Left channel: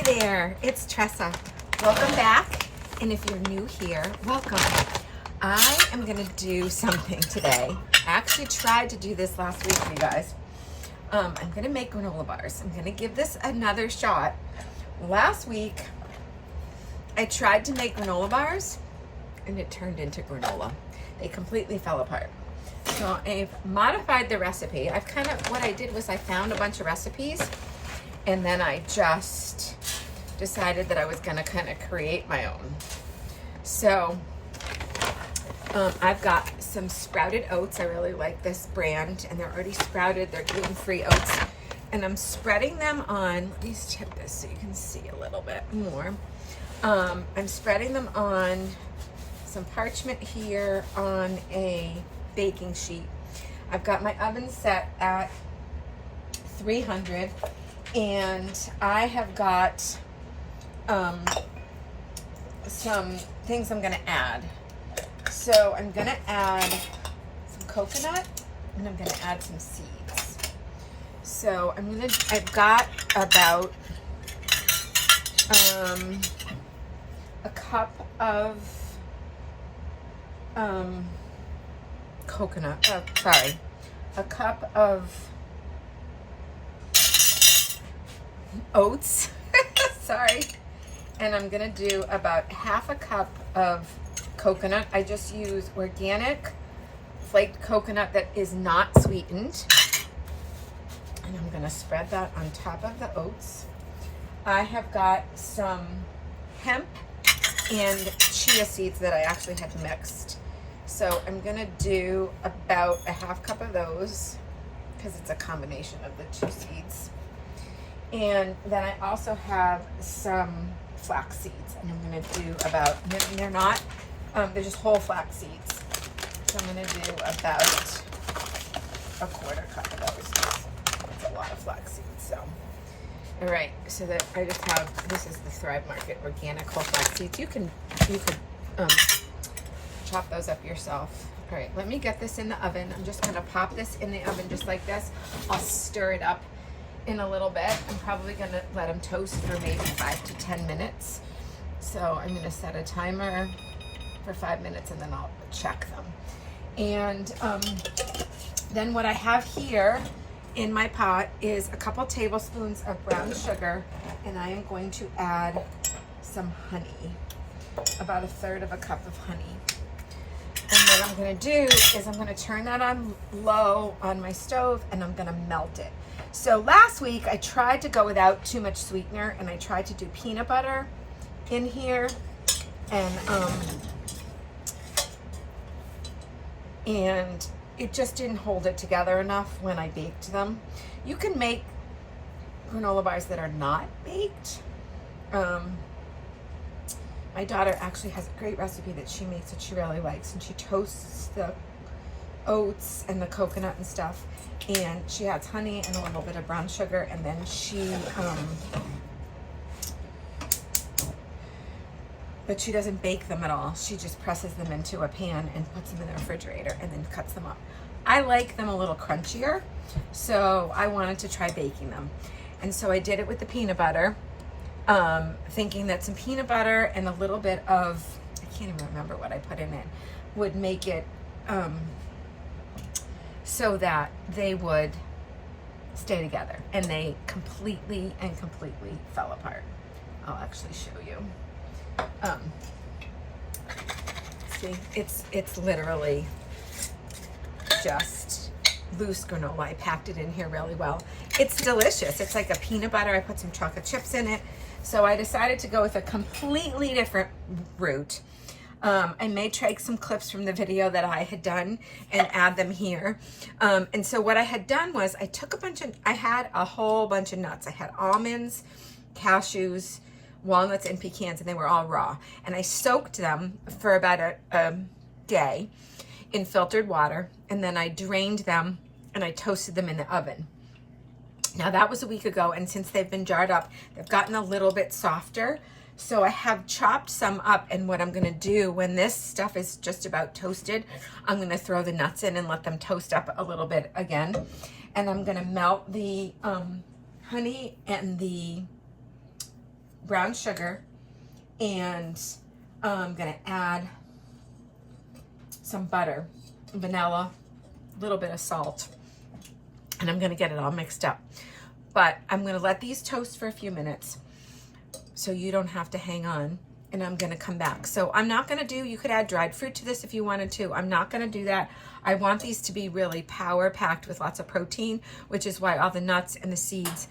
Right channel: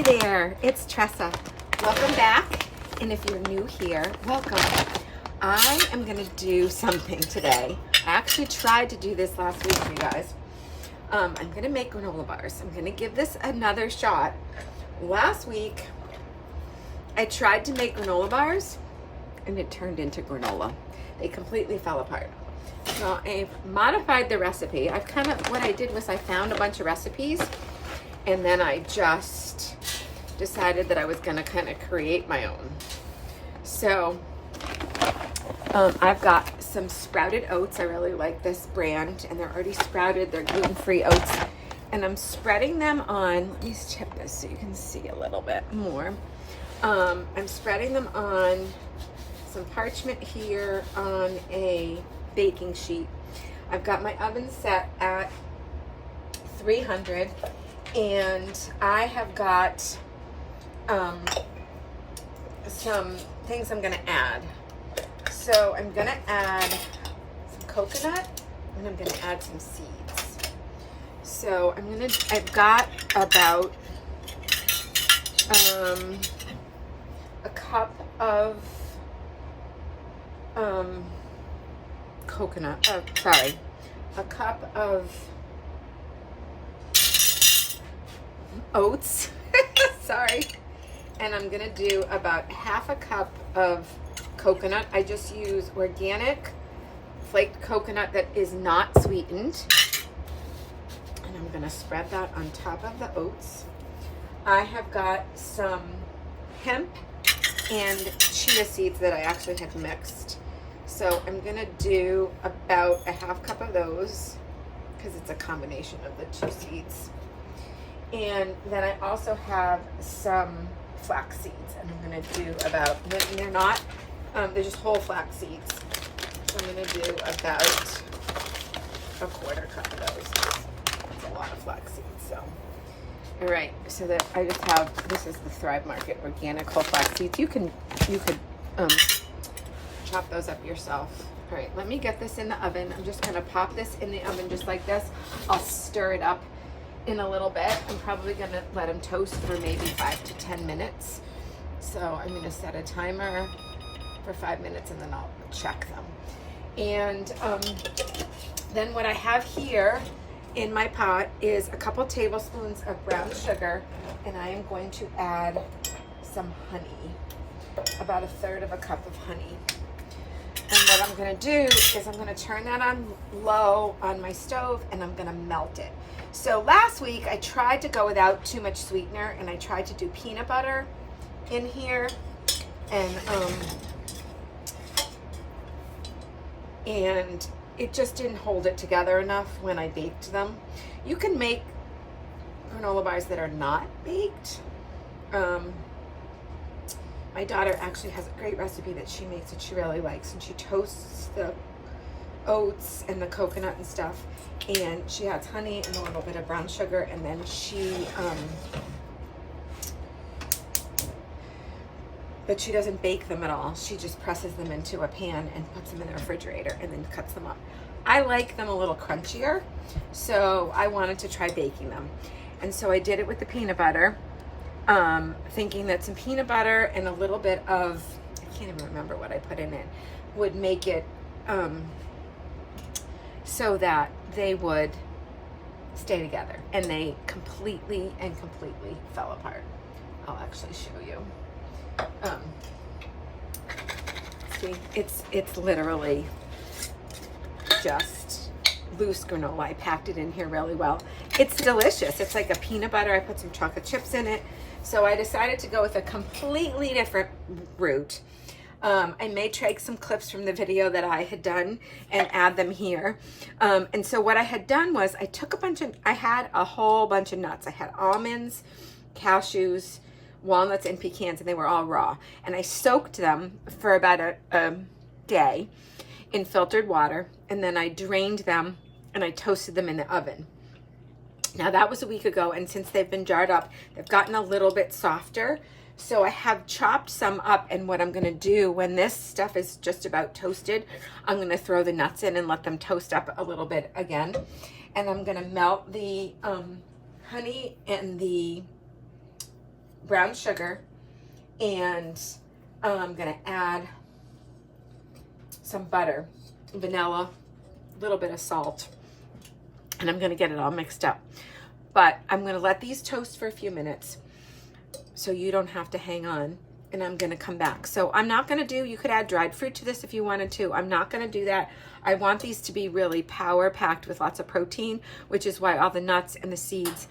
Hey there, it's Tressa. Welcome back, and if you're new here, welcome. I am gonna do something today. I actually tried to do this last week, you guys. I'm gonna make granola bars. I'm gonna give this another shot. Last week, I tried to make granola bars, and it turned into granola. They completely fell apart. So I've modified the recipe. What I did was I found a bunch of recipes, and then I just decided that I was gonna kind of create my own. So I've got some sprouted oats. I really like this brand, and they're already sprouted. They're gluten-free oats. And I'm spreading them on, let me just tip this so you can see a little bit more. I'm spreading them on some parchment here on a baking sheet. I've got my oven set at 300, and I have got some things I'm gonna add. So I'm gonna add some coconut, and I'm gonna add some seeds. So I've got about a cup of a cup of oats. Sorry. And I'm gonna do about half a cup of coconut. I just use organic flaked coconut that is not sweetened. And I'm gonna spread that on top of the oats. I have got some hemp and chia seeds that I actually have mixed. So I'm gonna do about a half cup of those because it's a combination of the two seeds. And then I also have some flax seeds, and I'm gonna do about, they're not, they're just whole flax seeds. So I'm gonna do about a quarter cup of those. That's a lot of flax seeds, so. All right, so that I just have, this is the Thrive Market organic whole flax seeds. You could chop those up yourself. All right, let me get this in the oven. I'm just gonna pop this in the oven just like this. I'll stir it up in a little bit. I'm probably gonna let them toast for maybe 5 to 10 minutes. So I'm gonna set a timer for 5 minutes, and then I'll check them. And then what I have here in my pot is a couple tablespoons of brown sugar, and I am going to add some honey, about 1/3 of a cup of honey. And what I'm gonna do is I'm gonna turn that on low on my stove, and I'm gonna melt it. So last week I tried to go without too much sweetener, and I tried to do peanut butter in here, and it just didn't hold it together enough when I baked them. You can make granola bars that are not baked. My daughter actually has a great recipe that she makes that she really likes, and she toasts the oats and the coconut and stuff, and she adds honey and a little bit of brown sugar, and then but she doesn't bake them at all. She just presses them into a pan and puts them in the refrigerator and then cuts them up. I like them a little crunchier, so I wanted to try baking them. And so I did it with the peanut butter, thinking that some peanut butter and a little bit of, I can't even remember what I put in it, would make it so that they would stay together. And they completely fell apart. I'll actually show you. See, it's literally just loose granola. I packed it in here really well. It's delicious. It's like a peanut butter. I put some chocolate chips in it. So I decided to go with a completely different route. I may take some clips from the video that I had done and add them here. And so what I had done was I had a whole bunch of nuts. I had almonds, cashews, walnuts, and pecans, and they were all raw. And I soaked them for about a day in filtered water, and then I drained them and I toasted them in the oven. Now that was a week ago, and since they've been jarred up, they've gotten a little bit softer. So I have chopped some up, and what I'm gonna do when this stuff is just about toasted, I'm gonna throw the nuts in and let them toast up a little bit again. And I'm gonna melt the honey and the brown sugar, and I'm gonna add some butter, vanilla, a little bit of salt, and I'm gonna get it all mixed up. But I'm gonna let these toast for a few minutes so you don't have to hang on, and I'm gonna come back. So I'm not gonna do, you could add dried fruit to this if you wanted to. I'm not gonna do that. I want these to be really power packed with lots of protein, which is why all the nuts and the seeds,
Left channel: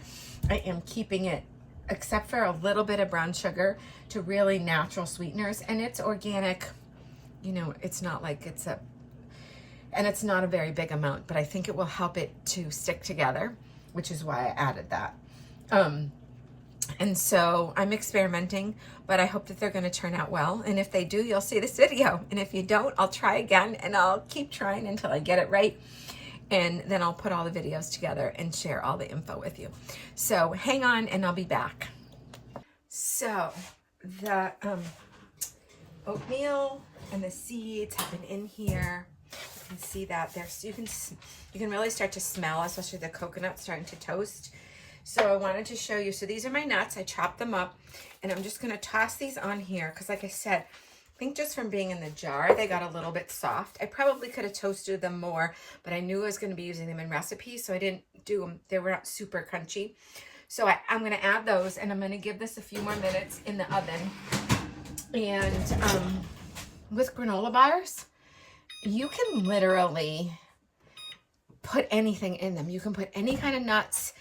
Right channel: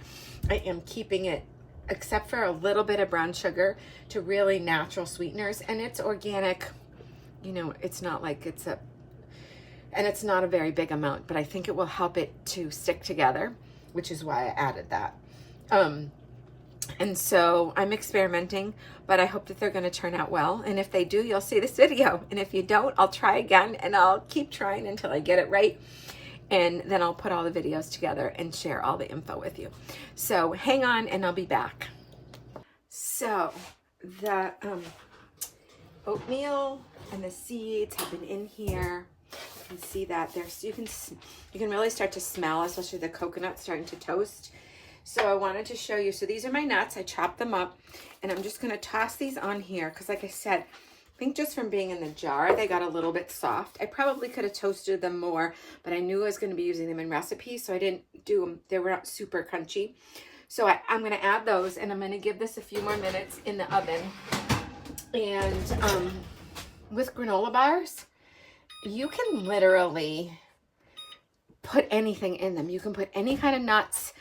I am keeping it, except for a little bit of brown sugar, to really natural sweeteners. And it's organic, you know, it's not like it's a, and it's not a very big amount, but I think it will help it to stick together, which is why I added that. And so I'm experimenting, but I hope that they're going to turn out well. And if they do, you'll see this video. And if you don't, I'll try again, and I'll keep trying until I get it right. And then I'll put all the videos together and share all the info with you. So hang on, and I'll be back. So the oatmeal and the seeds have been in here. You can see that there's, you can really start to smell, especially the coconut starting to toast. So I wanted to show you. So these are my nuts. I chopped them up, and I'm just going to toss these on here because, like I said, I think just from being in the jar, they got a little bit soft. I probably could have toasted them more, but I knew I was going to be using them in recipes, so I didn't do them. They were not super crunchy. So I'm going to add those, and I'm going to give this a few more minutes in the oven. And with granola bars, you can literally put anything in them. You can put any kind of nuts,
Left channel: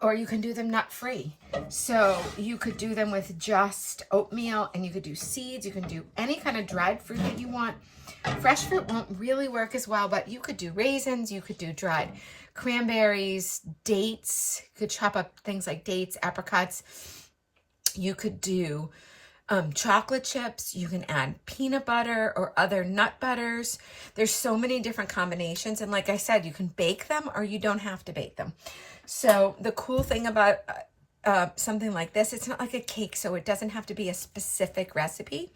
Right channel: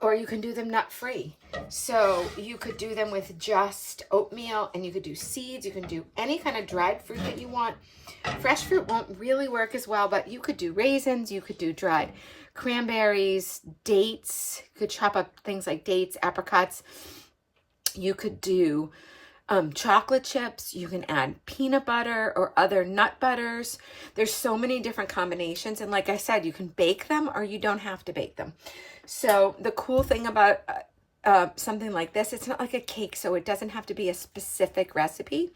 or you can do them nut-free. So you could do them with just oatmeal, and you could do seeds. You can do any kind of dried fruit that you want. Fresh fruit won't really work as well, but you could do raisins. You could do dried cranberries, dates. You could chop up things like dates, apricots. You could do chocolate chips. You can add peanut butter or other nut butters. There's so many different combinations. And like I said, you can bake them, or you don't have to bake them. So the cool thing about something like this, it's not like a cake, so it doesn't have to be a specific recipe.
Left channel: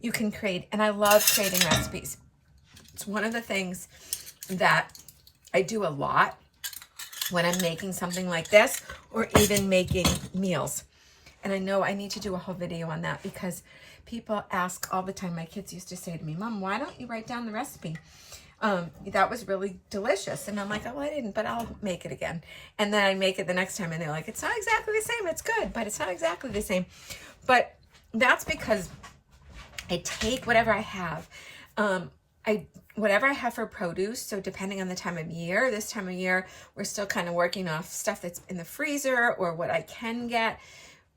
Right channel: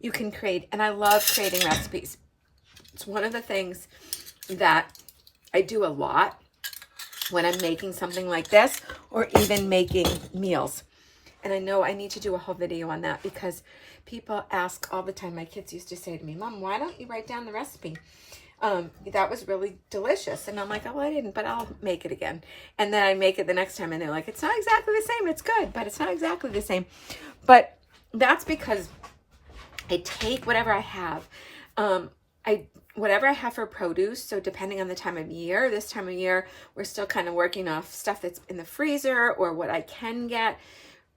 You can create, and I love creating recipes. It's one of the things that I do a lot when I'm making something like this, or even making meals. And I know I need to do a whole video on that, because people ask all the time. My kids used to say to me, Mom, why don't you write down the recipe? That was really delicious. And I'm like, oh, I didn't, but I'll make it again. And then I make it the next time, and they're like, it's not exactly the same. It's good, but it's not exactly the same. But that's because I take whatever I have. Whatever I have for produce. So depending on the time of year, this time of year, we're still kind of working off stuff that's in the freezer, or what I can get.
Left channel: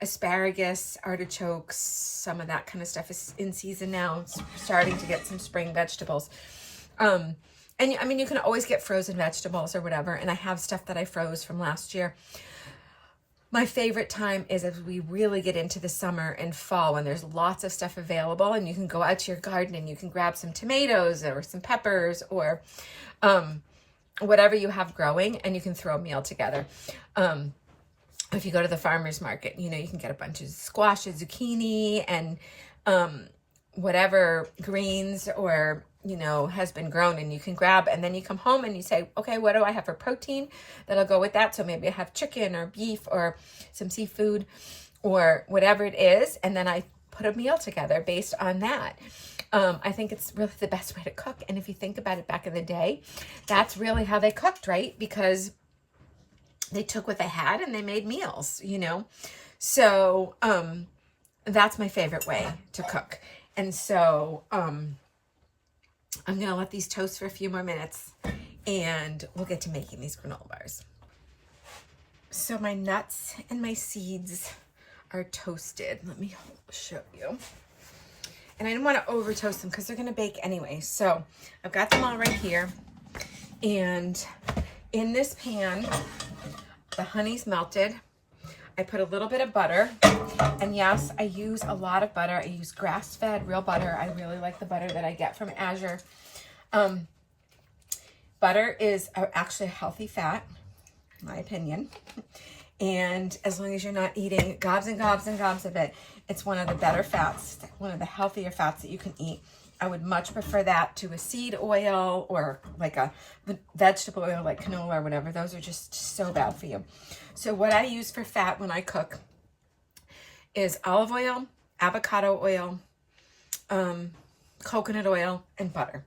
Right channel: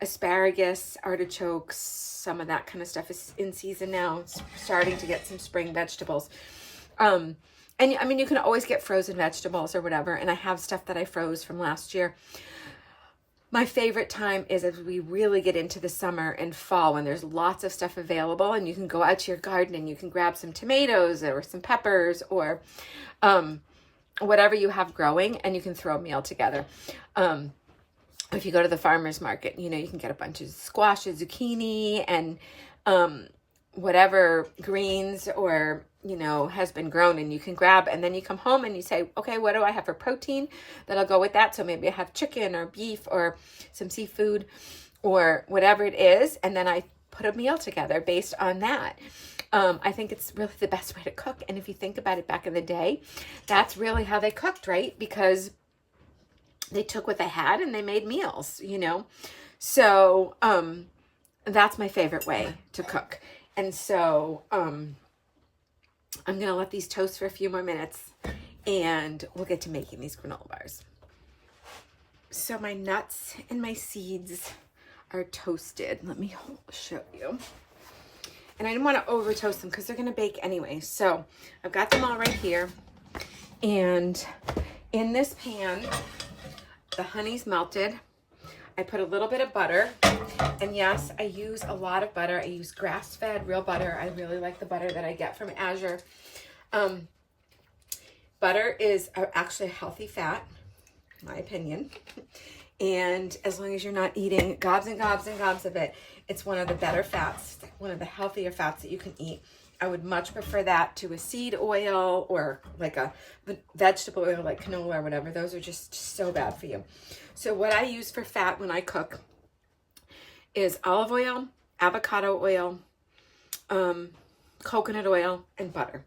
Asparagus, artichokes, some of that kind of stuff is in season now. It's starting to get some spring vegetables. And I mean, you can always get frozen vegetables or whatever. And I have stuff that I froze from last year. My favorite time is as we really get into the summer and fall, when there's lots of stuff available, and you can go out to your garden and you can grab some tomatoes or some peppers, or whatever you have growing, and you can throw a meal together. If you go to the farmer's market, you know, you can get a bunch of squashes, zucchini, and whatever greens or, you know, has been grown, and you can grab, and then you come home and you say, okay, what do I have for protein that'll go with that? So maybe I have chicken or beef or some seafood or whatever it is. And then I put a meal together based on that. I think it's really the best way to cook. And if you think about it, back in the day, that's really how they cooked, right? Because they took what they had and they made meals, you know? So, that's my favorite way to cook. And so, I'm going to let these toast for a few more minutes, and we'll get to making these granola bars. So my nuts and my seeds are toasted. Let me show you. And I didn't want to over toast them because they're going to bake anyway. So I've got them all right here. And in this pan, the honey's melted. I put a little bit of butter. And yes, I use a lot of butter. I use grass-fed real butter. I really like the butter that I get from Azure. Butter is actually a healthy fat, in my opinion. And as long as you're not eating gobs and gobs and gobs of it, it's one of the better fats, one of the healthier fats that you can eat. I would much prefer that to a seed oil or like a vegetable oil like canola or whatever. Those are just so bad for you. So what I use for fat when I cook is olive oil, avocado oil, coconut oil, and butter.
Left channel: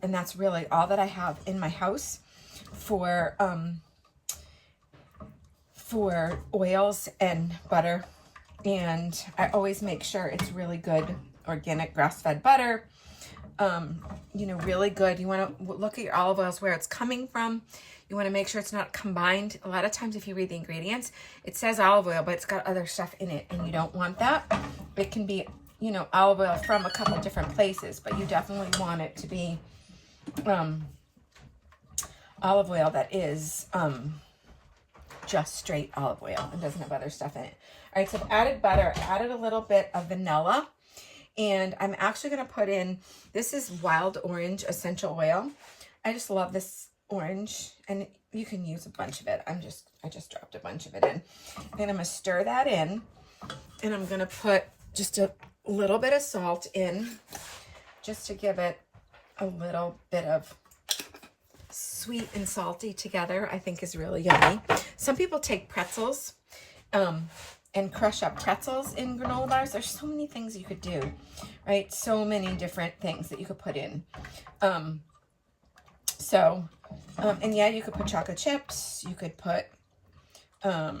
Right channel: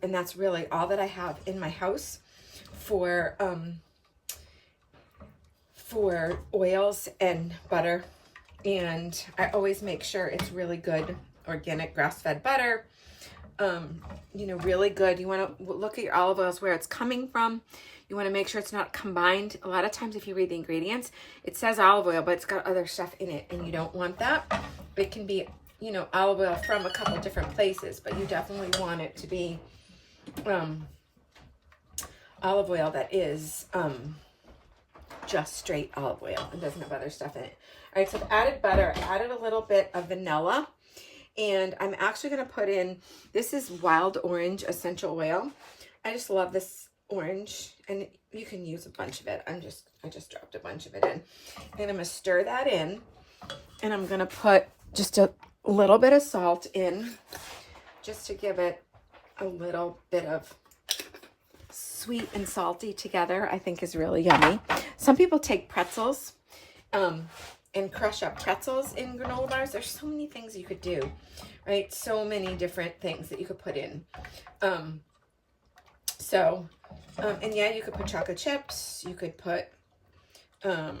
And that's really all that I have in my house for oils and butter. And I always make sure it's really good organic grass-fed butter. You know, really good. You want to look at your olive oils, where it's coming from. You want to make sure it's not combined. A lot of times if you read the ingredients, it says olive oil, but it's got other stuff in it, and you don't want that. It can be, you know, olive oil from a couple different places, but you definitely want it to be olive oil that is just straight olive oil and doesn't have other stuff in it. All right, so I've added butter. I added a little bit of vanilla, and I'm actually going to put in, this is wild orange essential oil. I just love this orange, and you can use a bunch of it. I just dropped a bunch of it in, and I'm going to stir that in, and I'm going to put just a little bit of salt in, just to give it a little bit of sweet and salty together. I think is really yummy. Some people take pretzels and crush up pretzels in granola bars. There's so many things you could do, right? So many different things that you could put in. And yeah, you could put chocolate chips. You could put, I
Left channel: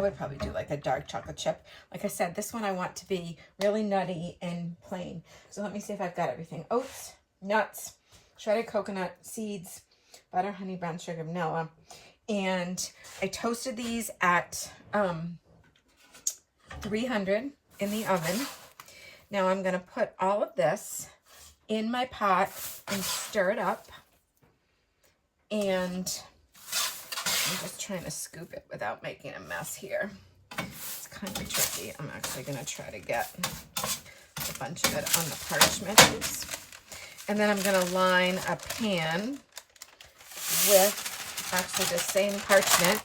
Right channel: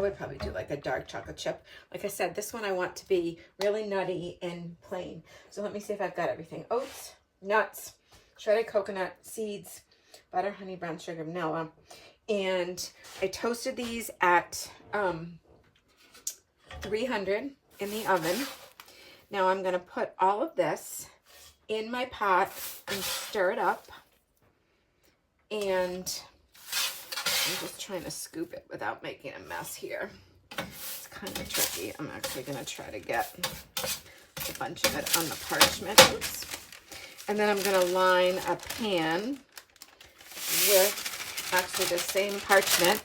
would probably do like a dark chocolate chip. Like I said, this one I want to be really nutty and plain. So let me see if I've got everything. Oats, nuts, shredded coconut, seeds, butter, honey, brown sugar, vanilla. And I toasted these at 300 in the oven. Now I'm going to put all of this in my pot and stir it up. And I'm just trying to scoop it without making a mess here. It's kind of tricky. I'm actually going to try to get a bunch of it on the parchment. Oops. And then I'm going to line a pan with actually the same parchment.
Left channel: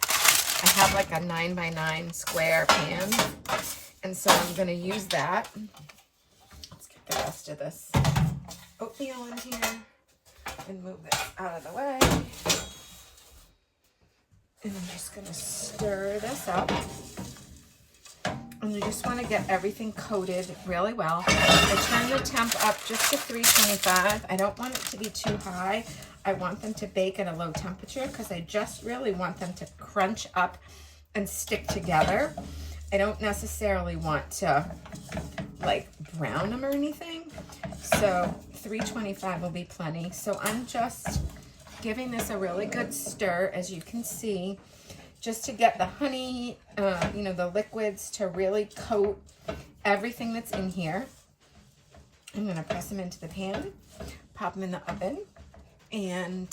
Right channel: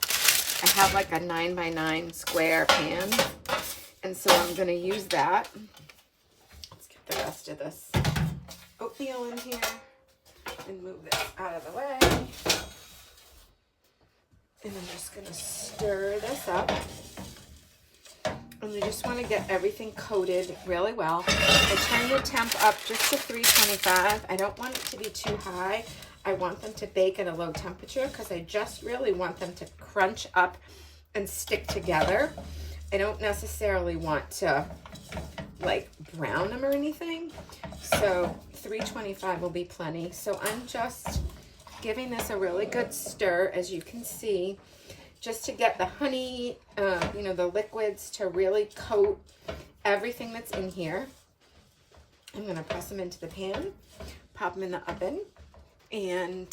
I have like a 9x9 square pan. And so I'm going to use that. Let's get the rest of this oatmeal in here and move this out of the way. And I'm just going to stir this up. And you just want to get everything coated really well. I turn the temp up just to 325. I don't want it to be too high. I want them to bake at a low temperature because I just really want them to crunch up and stick together. I don't necessarily want to like brown them or anything. So 325 will be plenty. So I'm just giving this a really good stir, as you can see, just to get the honey, you know, the liquids to really coat everything that's in here. I'm going to press them into the pan, pop them in the oven, and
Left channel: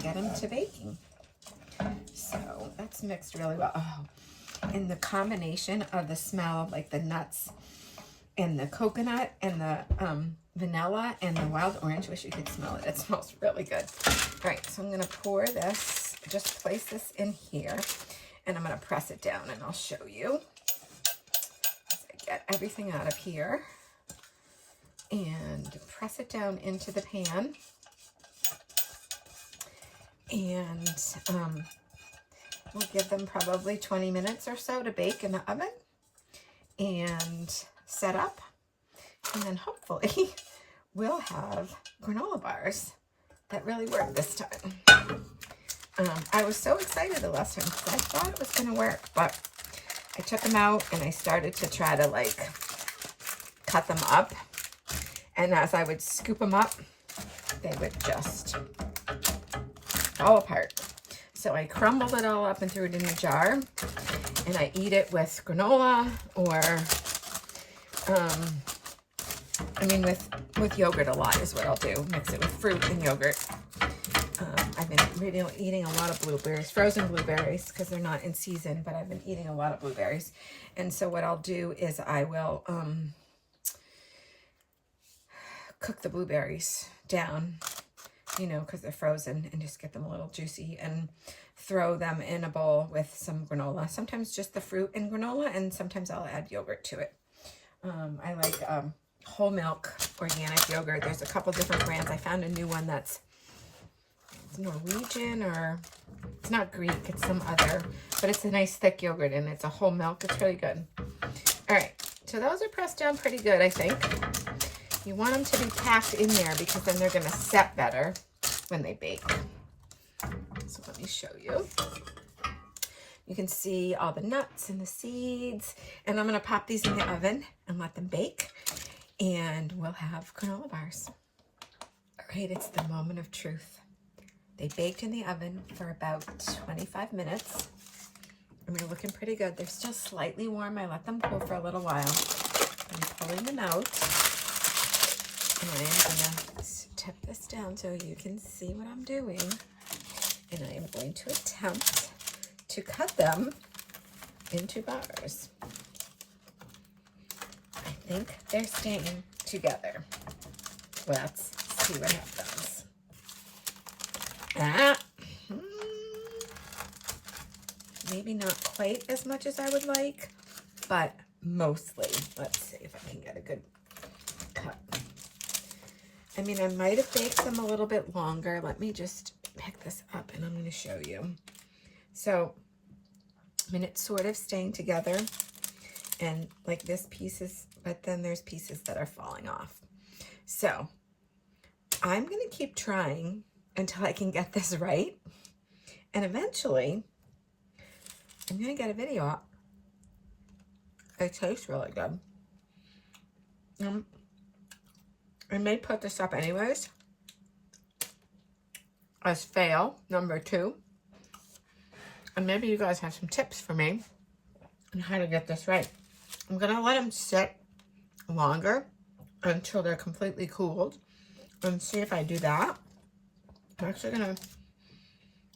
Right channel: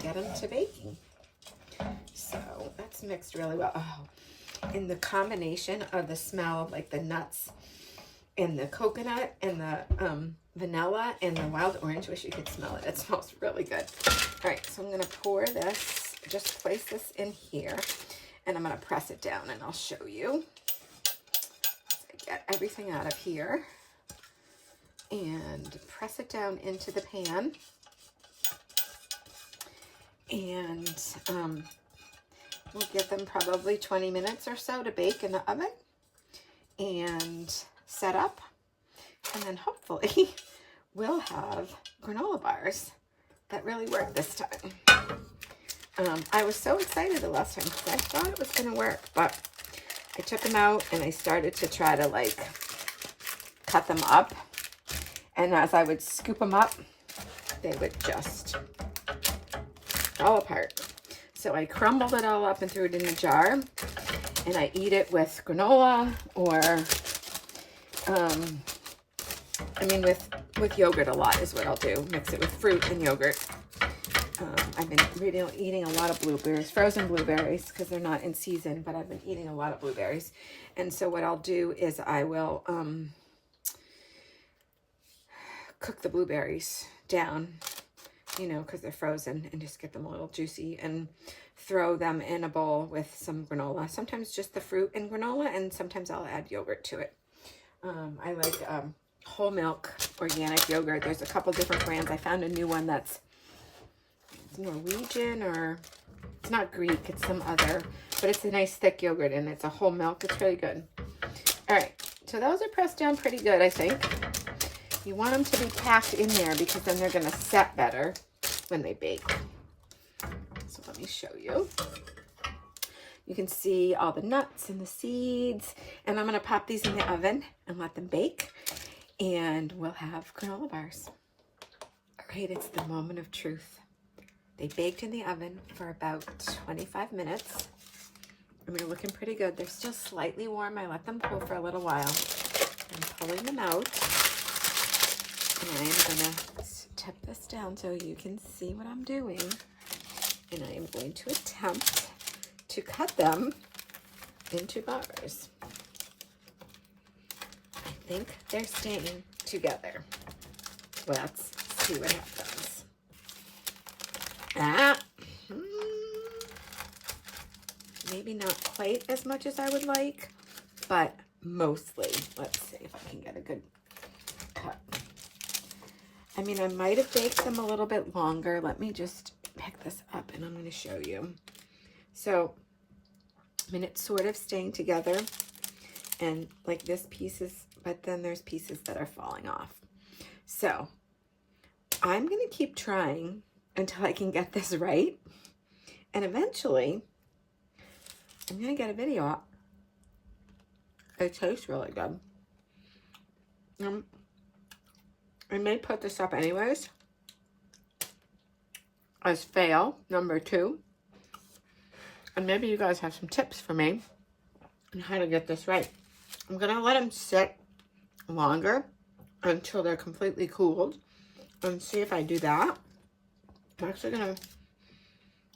get them to baking. So that's mixed really well. Oh, and the combination of the smell, like the nuts and the coconut and the vanilla and the wild orange, wish you could smell it. It smells really good. All right, so I'm going to pour this, just place this in here, and I'm going to press it down, and I'll show you. As I get everything out of here and press it down into the pan. And we'll give them probably 20 minutes or so to bake in the oven and set up. And then hopefully we'll have granola bars that really work this time. I was so excited the last time because I thought it was going to work, but I took them out and I started to try to like cut them up. And as I would scoop them up, they would just fall apart. So I crumbled it all up and threw it in a jar, and I eat it with granola or, I mean, with yogurt a lot is what I'll do. Mix it with fruit and yogurt. I've been really eating a lot of blueberries, frozen blueberries, because they're not in season, but I've been eating a lot of blueberries. And so what I'll do is I will cook the blueberries down, you know, because they're frozen, and just get them a little juicy and throw them in a bowl with some granola. Sometimes just the fruit and granola, and sometimes I'll add yogurt to it. I like whole milk organic yogurt. There's a couple different brands. I found a new one that's it's Norwegian, or it's not Greek, it's some other, but it's a nice thick yogurt and it's a whole milk. It's really good. All right, so those are pressed down pretty good, I think. You want them to be packed in there because then they're gonna set better when they bake. So let me show you. You can see all the nuts and the seeds, and I'm gonna pop these in the oven and let them bake, and we'll have granola bars. All right, it's the moment of truth. They baked in the oven for about 25 minutes. And they're looking pretty good. They're still slightly warm. I let them cool for a little while. I'm pulling them out. And I am gonna tip this down so you can see what I'm doing. And I am going to attempt to cut them into bars. I think they're staying together. Let's see what happens. Maybe not quite as much as I would like, but mostly. Let's see if I can get a good cut. I mean, I might have baked them a little bit longer. Let me just pick this up and I'm going to show you. So, I mean, it's sort of staying together, and like this piece is, but then there's pieces that are falling off. So, I'm going to keep trying until I can get this right. And eventually, I'm going to get a video up. It tastes really good. I may put this up anyways as fail number 2. And maybe you guys have some tips for me on how to get this right. I'm going to let them sit longer until they're completely cooled and see if I do that. I'm actually going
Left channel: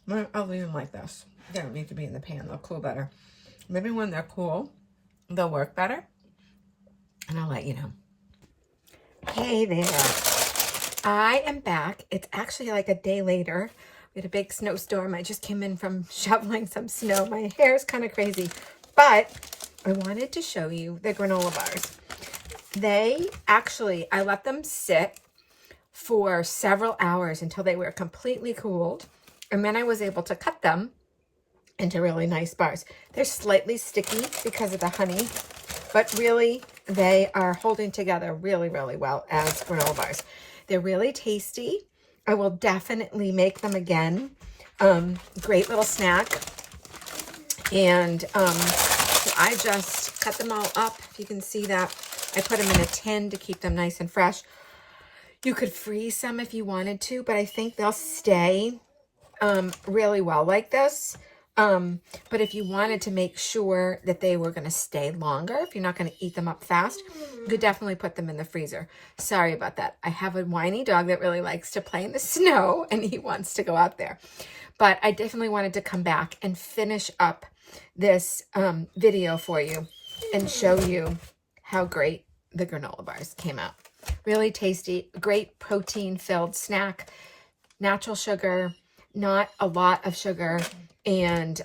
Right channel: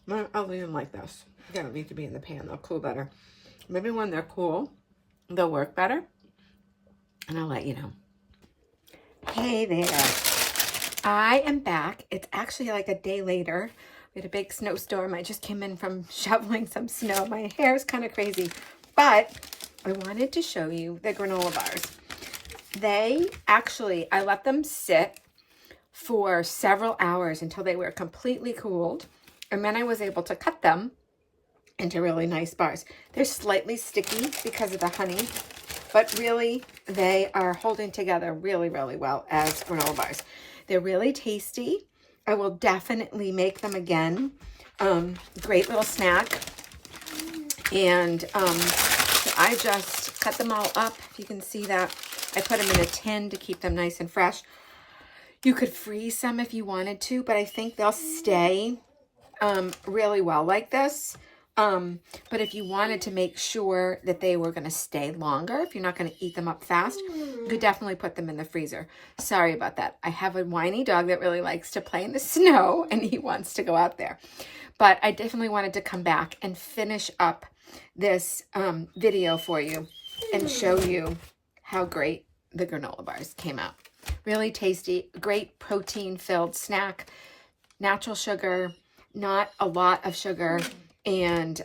to, I'll leave them like this. They don't need to be in the pan. They'll cool better. Maybe when they're cool, they'll work better. And I'll let you know. Hey there. I am back. It's actually like a day later. We had a big snowstorm. I just came in from shoveling some snow. My hair is kind of crazy. But I wanted to show you the granola bars. They actually, I let them sit for several hours until they were completely cooled. And then I was able to cut them into really nice bars. They're slightly sticky because of the honey, but really they are holding together really, really well as granola bars. They're really tasty. I will definitely make them again. Great little snack. And so I just cut them all up. If you can see that, I put them in a tin to keep them nice and fresh. You could freeze some if you wanted to, but I think they'll stay really well like this. But if you wanted to make sure that they were going to stay longer, if you're not going to eat them up fast, you could definitely put them in the freezer. Sorry about that. I have a whiny dog that really likes to play in the snow and he wants to go out there. But I definitely wanted to come back and finish up this video for you and show you how great the granola bars came out. Really tasty, great protein-filled snack, natural sugar, not a lot of sugar, and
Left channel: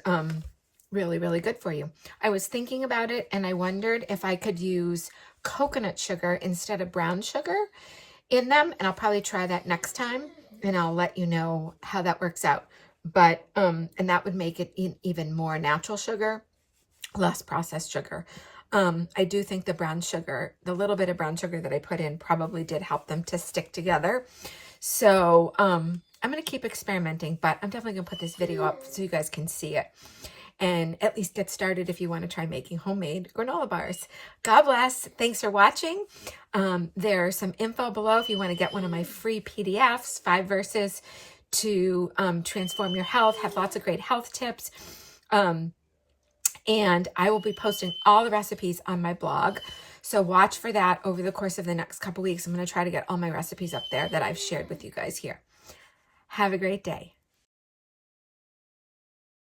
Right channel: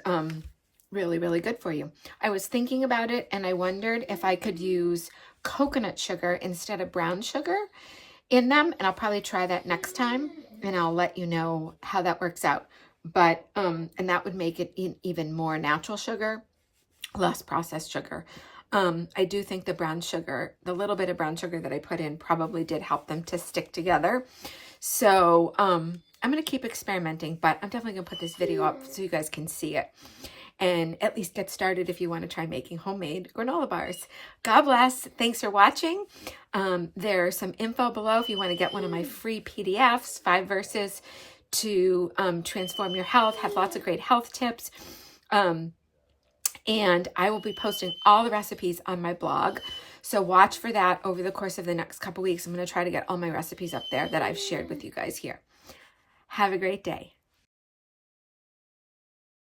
really, really good for you. I was thinking about it, and I wondered if I could use coconut sugar instead of brown sugar in them, and I'll probably try that next time, and I'll let you know how that works out. But, and that would make it even more natural sugar, less processed sugar. I do think the brown sugar, the little bit of brown sugar that I put in probably did help them to stick together. So, I'm going to keep experimenting, but I'm definitely going to put this video up so you guys can see it and at least get started if you want to try making homemade granola bars. God bless. Thanks for watching. There's some info below if you want to get one of my free PDFs, 5 verses to transform your health, have lots of great health tips. And I will be posting all the recipes on my blog. So watch for that over the course of the next couple weeks. I'm going to try to get all my recipes up there that I've shared with you guys here. Have a great day.